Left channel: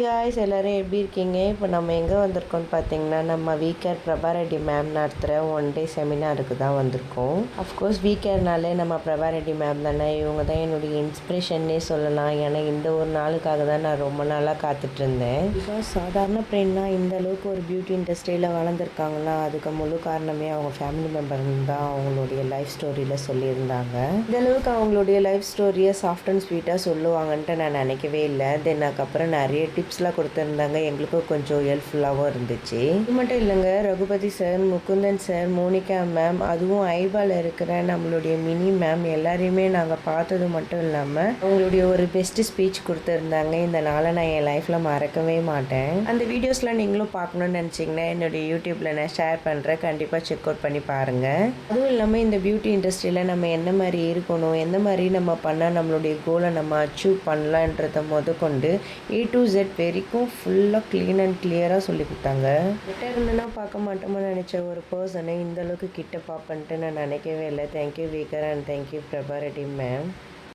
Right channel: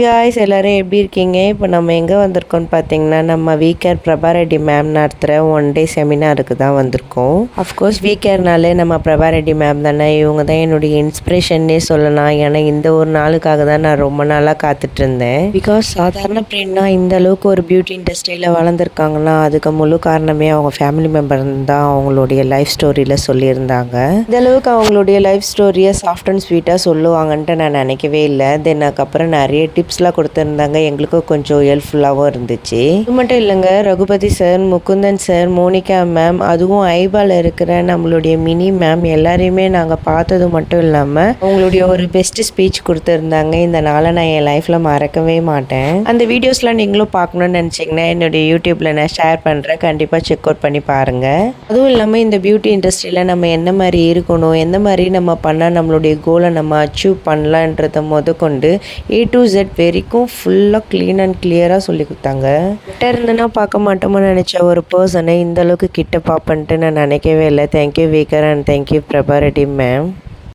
Hi guys, எல்லோரும் எப்படி இருக்கீங்க? இப்போ நம்ம எங்கே வந்திருக்கோம்னு பார்த்தீங்கன்னா, நம்ம வீக்கேர் பிரபா ரெட்டி மேம் நடத்துகிற 1 டே செமினாருக்கு தான் வந்திருக்கோம். அஃப்கோர்ஸ் வீக்கேர்னாலே நம்ம பிரபா ரெட்டி மேம் தானே. இவங்க தான் என்னுடைய இன்ஸ்பிரேஷன்னே சொல்லலாம். ஏன்னா இந்த ஒரு நாளுக்காக தான் நான் ரொம்ப நாளாக காத்துட்டு இருந்தேன். பிகாஸ் சாதாரண பெண்ணா இந்த அளவுக்கு ஒரு பியூட்டி இண்டஸ்ட்ரியில் வளர்ந்துருக்காங்கன்னா அதுக்கு முழு காரணமே அவங்க ஃபேமிலி மெம்பர் தான் அவங்களுடைய லைஃப் ஸ்டோரியில் சொல்லியிருந்தாங்க. இந்த அளவுக்கு அவங்களுடைய லைஃப் ஸ்டோரியை சாஃப்ட் அண்ட் ஸ்வீட்டாக சொல்லுவாங்கன்ட்டு நான் நினைக்கவே இல்லை. தென் அதுக்கப்புறம் நிறைய டிப்ஸ்லாம் கொடுத்துருந்தாங்க. எங்களுக்கும் கொஞ்சம் ஹெல்ப்ஃபுல்லாகவும் இருந்துச்சு. இது மட்டும் இல்லைங்க, Raghupathi sir, Mukundan sir, Monica ma'am, அதுவும் ஐபால் இருக்கிற நம்மளுடைய மினி மேம் எல்லாரையுமே நாங்கள் பார்த்தது மட்டும் இல்லாமல் அவங்களுடைய ஒரு பெஸ்ட் ஸ்பீச் கொடுத்துருந்தாங்க. இந்த நாளை நான் என் லைஃப்பில் மறக்கவே மாட்டேன். அந்த வீடியோஸ்லாம் நீங்களும் பார்க்கணுன்னு நினச்சிங்கன்னா என்னுடைய யூடியூப்பில் நான் ஷேர் பண்ணுறேன். கண்டிப்பாக செக் அவுட் பண்ணி பாருங்கள். அதுவும் இல்லாமல் இந்த பியூட்டி இண்டஸ்ட்ரியில் நம்ம என்ன மாதிரி இருக்கணும், எந்த மாதிரி நம்ம பண்ணால் நம்மளுடைய கோலை நம்ம அச்சீவ் பண்ணலான்றதை கொண்டு A to Z வரைக்கும் ஃபுல்லாக க்ளீன் அண்ட் கிளியராக சொல்லி கொடுத்தாங்க. கிட்ட இருந்துன்னா பார்க்க மாட்டோமோ நினச்ச ஒரு பர்சனை இந்த அளவுக்கு கிட்ட பார்ப்பன்ட்டு நான் நினைக்கவே இல்லை. Thank you weaker and thank you Prabha Reddy ma'am.